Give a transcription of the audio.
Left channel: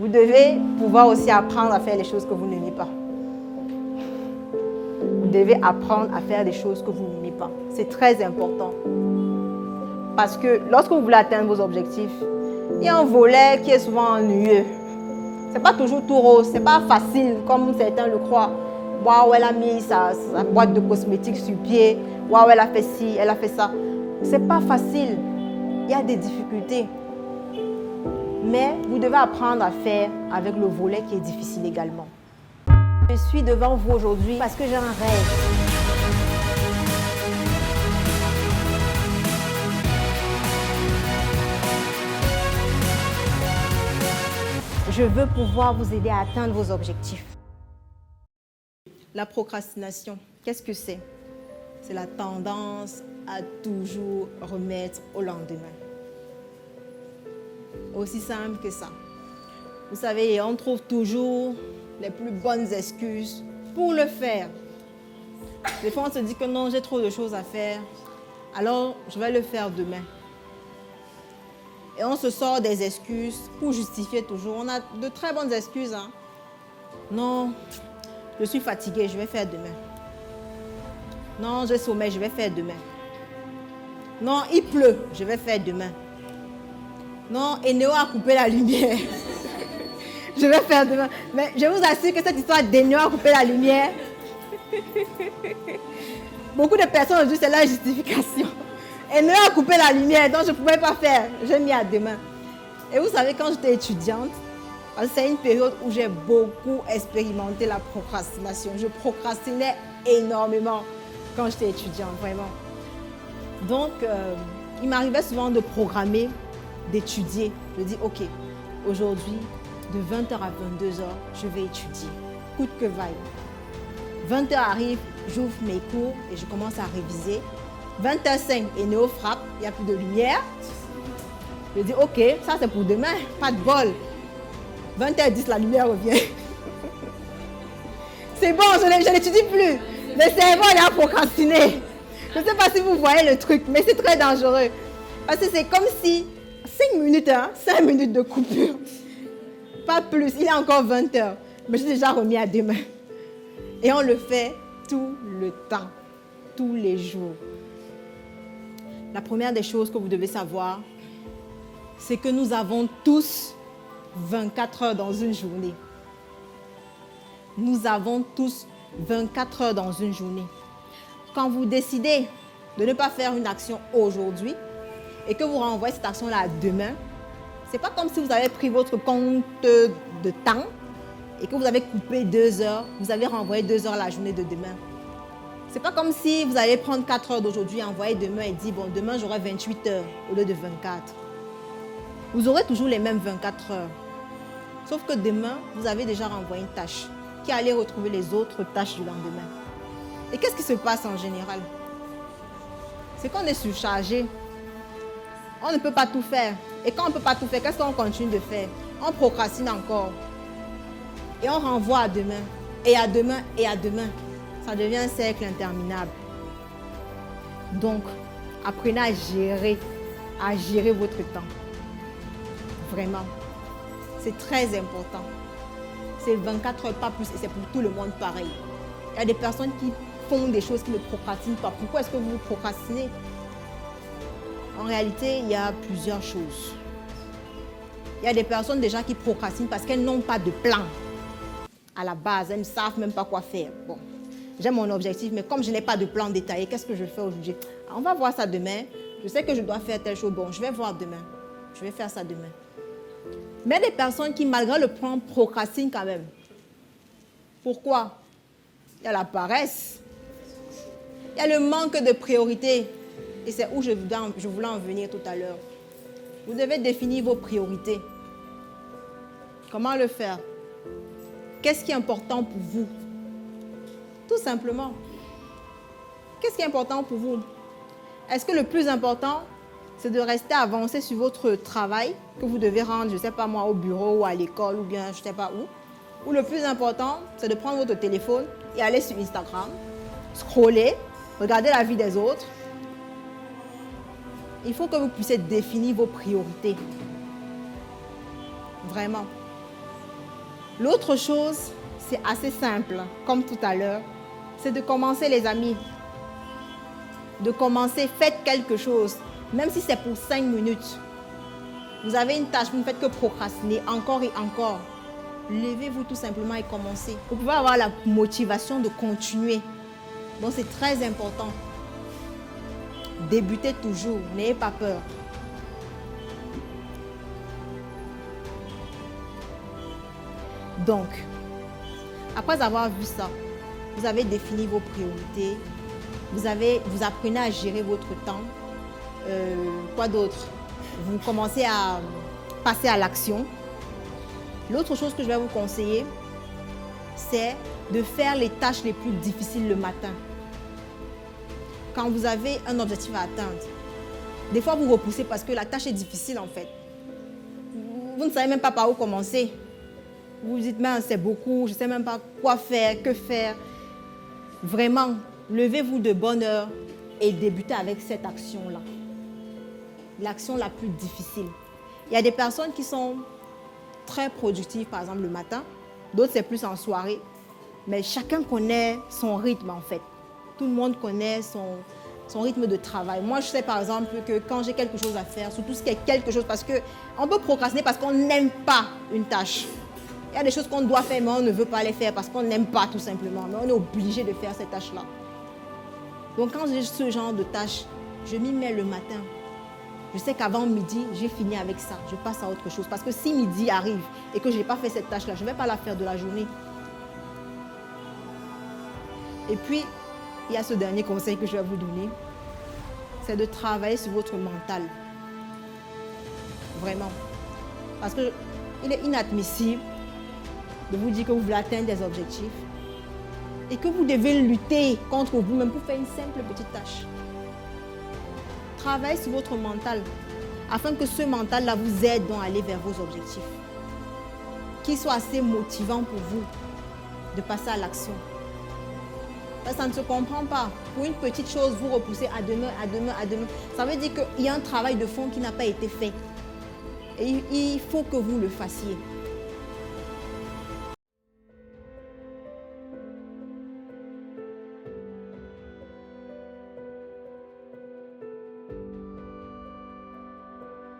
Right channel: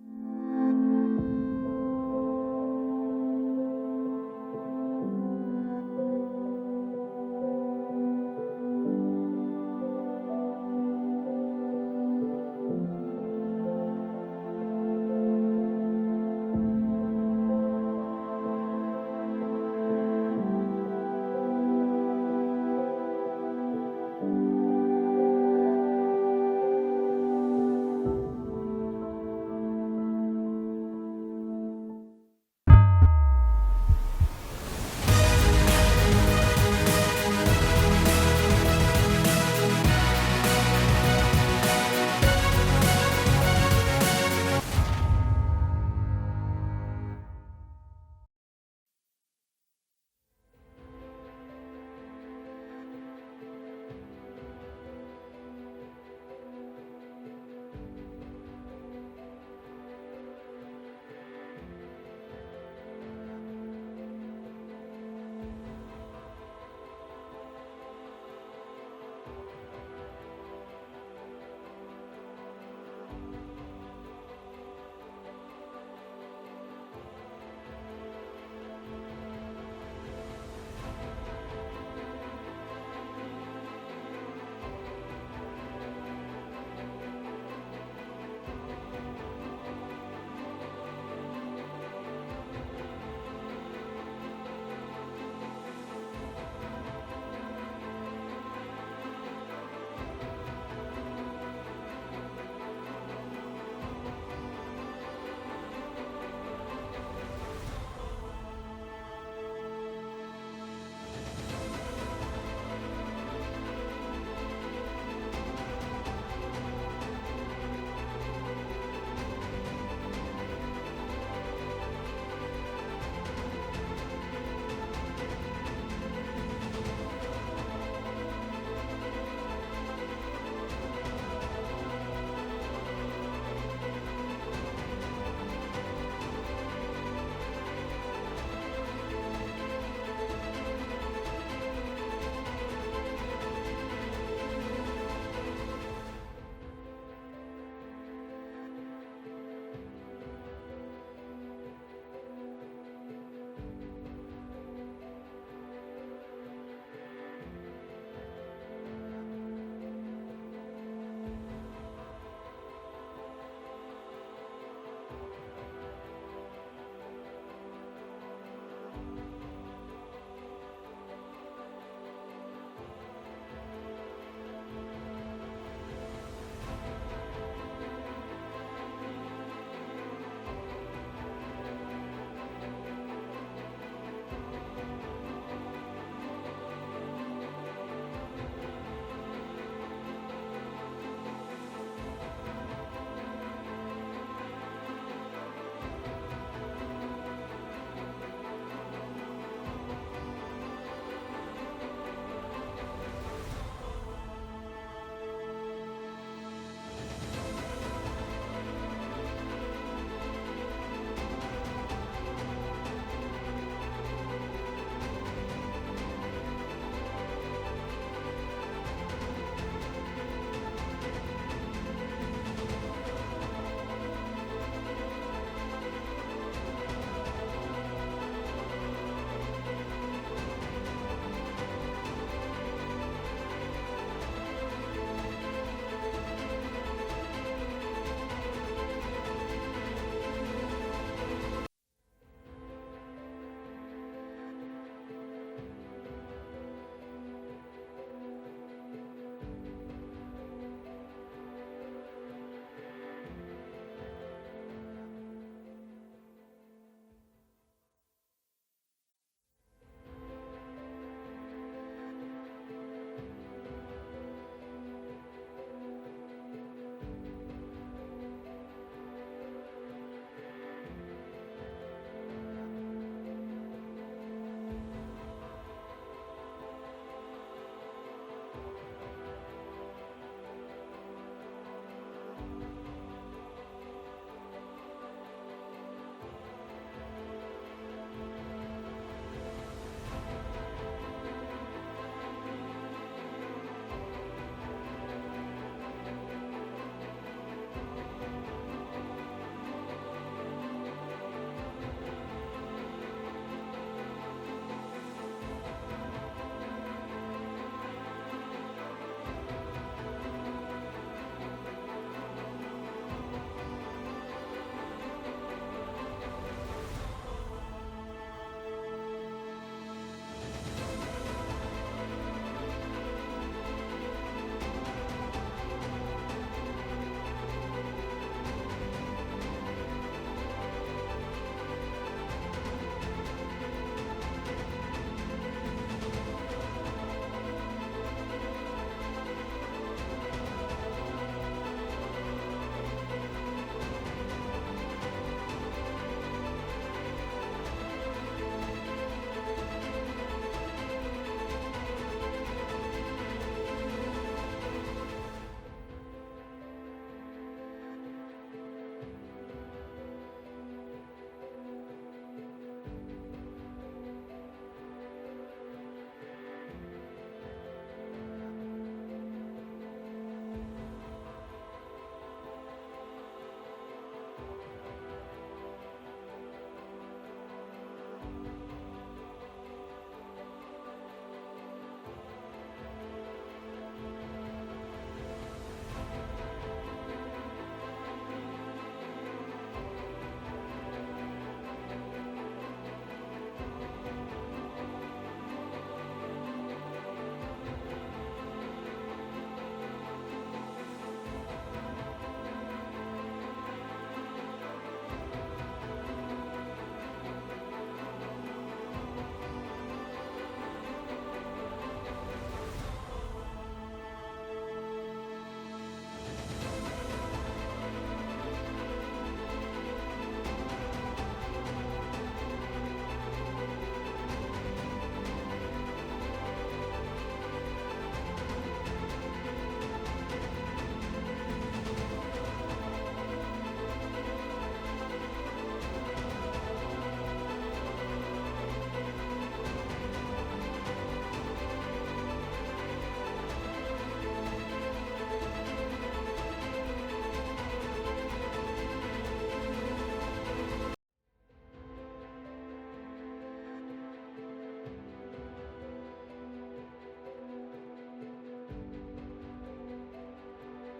Vous devez pouvoir aussi apprendre à faire les choses que vous n'aimez pas. Vous devez apprendre à faire des choses que vous n'aimez pas. C'est très important. Parce que lorsque vous voulez atteindre vos objectifs, il y a un volet qui est souvent ennuyeux. Ce n'est pas toujours tout rose, ce n'est pas facile comme certains le croient. Waouh, elle a mis sa boîte de cosmétiques sur pied. Waouh, elle a fait ci, elle a fait ça. Ce n'est pas facile. Il y a des difficultés. Mais vous devez apprendre à faire avec le volet qui est difficile également. Je suis devant vous aujourd'hui parce que j'ai un rêve. Je veux pouvoir vous aider à atteindre vos objectifs. La procrastination, qu'est-ce que c'est? C'est la tendance à toujours remettre au lendemain. Aussi simple que ça. Vous savez, on trouve toujours les plus bonnes excuses pour le faire. Des fois, on se dit que non, j'ai trop de choses à faire, alors je vais le faire demain. Et on se sort des excuses pour justifier toujours. On a de très bonnes excuses. Hein? Non, je suis fatiguée, je vais faire demain. Non, j'ai sommeil, je vais faire demain. Non, il pleut, je vais faire demain. Non, Eneo a coupé la lumière. Je vais faire demain. Mais je vous assure que cette histoire d'Eneo a coupé la lumière, beaucoup de personnes ont dit que c'est la justification. Eneo a coupé la lumière, donc je ne pouvais pas faire. J'ai mis à demain. Et vous savez, quand j'étais étudiante, c'est une période où j'ai beaucoup expérimenté la procrastination. Je procrastinais énormément quand j'étais étudiante, vraiment. Donc, il m'arrivait souvent de programmer, d'étudier. Je dis, ok, aujourd'hui, de 20h à 22h, je vais étudier, coûte que vaille. 20h arrive, j'ouvre mes cours et je commence à réviser. 20h05, Eneo frappe, il n'y a plus de lumière. Je dis, ok, ça c'est pour demain, pas de bol. 20h10, la lumière revient. C'est bon, je n'étudie plus. Le cerveau, il a procrastiné. Je ne sais pas si vous voyez le truc, mais c'est très dangereux. Parce que c'est comme si 5 minutes, hein, 5 minutes de coupure. Pas plus, il est encore 20h. Mais j'ai déjà remis à demain. Et on le fait tout le temps, tous les jours. La première des choses que vous devez savoir, c'est que nous avons tous 24 heures dans une journée. Nous avons tous 24 heures dans une journée. Quand vous décidez de ne pas faire une action aujourd'hui et que vous renvoyez cette action-là à demain, ce n'est pas comme si vous avez pris votre compte de temps et que vous avez coupé 2 heures, vous avez renvoyé 2 heures la journée de demain. Ce n'est pas comme si vous allez prendre 4 heures d'aujourd'hui, envoyer demain et dire, bon, demain j'aurai 28 heures au lieu de 24. Vous aurez toujours les mêmes 24 heures. Sauf que demain, vous avez déjà renvoyé une tâche qui allait retrouver les autres tâches du lendemain. Et qu'est-ce qui se passe en général? C'est qu'on est surchargé. On ne peut pas tout faire. Et quand on ne peut pas tout faire, qu'est-ce qu'on continue de faire? On procrastine encore. Et on renvoie à demain. Et à demain, et à demain. Ça devient un cercle interminable. Donc, apprenez à gérer votre temps. Vraiment. C'est très important. C'est 24 heures, pas plus, et c'est pour tout le monde pareil. Il y a des personnes qui font des choses qui ne procrastinent pas. Pourquoi est-ce que vous procrastinez? En réalité, il y a plusieurs choses. Il y a des personnes déjà qui procrastinent parce qu'elles n'ont pas de plan. À la base, elles ne savent même pas quoi faire. Bon, j'ai mon objectif, mais comme je n'ai pas de plan détaillé, qu'est-ce que je fais aujourd'hui? On va voir ça demain. Je sais que je dois faire telle chose. Bon, je vais voir demain. Je vais faire ça demain. Mais des personnes qui, malgré le plan, procrastinent quand même. Pourquoi? Il y a la paresse. Il y a le manque de priorité. Et c'est où je voulais en venir tout à l'heure. Vous devez définir vos priorités. Comment le faire? Qu'est-ce qui est important pour vous? Tout simplement. Qu'est-ce qui est important pour vous? Est-ce que le plus important, c'est de rester avancé sur votre travail que vous devez rendre, je ne sais pas moi, au bureau ou à l'école ou bien je ne sais pas où? Ou le plus important, c'est de prendre votre téléphone et aller sur Instagram, scroller, regarder la vie des autres. Il faut que vous puissiez définir vos priorités. Vraiment. L'autre chose, c'est assez simple, comme tout à l'heure, c'est de commencer les amis. De commencer, faites quelque chose, même si c'est pour 5 minutes. Vous avez une tâche, vous ne faites que procrastiner encore et encore. Levez-vous tout simplement et commencez. Vous pouvez avoir la motivation de continuer. Donc c'est très important. Débutez toujours, n'ayez pas peur. Donc, après avoir vu ça, vous avez défini vos priorités, vous apprenez à gérer votre temps. Quoi d'autre? Vous commencez à passer à l'action. L'autre chose que je vais vous conseiller, c'est de faire les tâches les plus difficiles le matin. Quand vous avez un objectif à atteindre, des fois vous repoussez parce que la tâche est difficile en fait. Vous ne savez même pas par où commencer. Vous vous dites, mais c'est beaucoup, je ne sais même pas quoi faire, que faire. Vraiment, levez-vous de bonne heure et débutez avec cette action-là. L'action la plus difficile. Il y a des personnes qui sont très productives, par exemple le matin. D'autres, c'est plus en soirée. Mais chacun connaît son rythme, en fait. Tout le monde connaît son rythme de travail. Moi, je sais, par exemple, que quand j'ai quelque chose à faire, surtout ce qui est quelque chose, parce qu'on peut procrastiner parce qu'on n'aime pas une tâche. Il y a des choses qu'on doit faire, mais on ne veut pas les faire parce qu'on n'aime pas, tout simplement. Mais on est obligé de faire ces tâches-là. Donc, quand j'ai ce genre de tâches, je m'y mets le matin. Je sais qu'avant midi, j'ai fini avec ça. Je passe à autre chose. Parce que si midi arrive et que je n'ai pas fait cette tâche-là, je ne vais pas la faire de la journée. Et puis, il y a ce dernier conseil que je vais vous donner. C'est de travailler sur votre mental. Vraiment. Parce qu'il est inadmissible de vous dire que vous voulez atteindre des objectifs et que vous devez lutter contre vous-même pour faire une simple petite tâche. Travaillez sur votre mental afin que ce mental-là vous aide à aller vers vos objectifs. Qu'il soit assez motivant pour vous de passer à l'action. Ça ne se comprend pas. Pour une petite chose, vous repoussez à demain, à demain, à demain. Ça veut dire qu'il y a un travail de fond qui n'a pas été fait. Et il faut que vous le fassiez.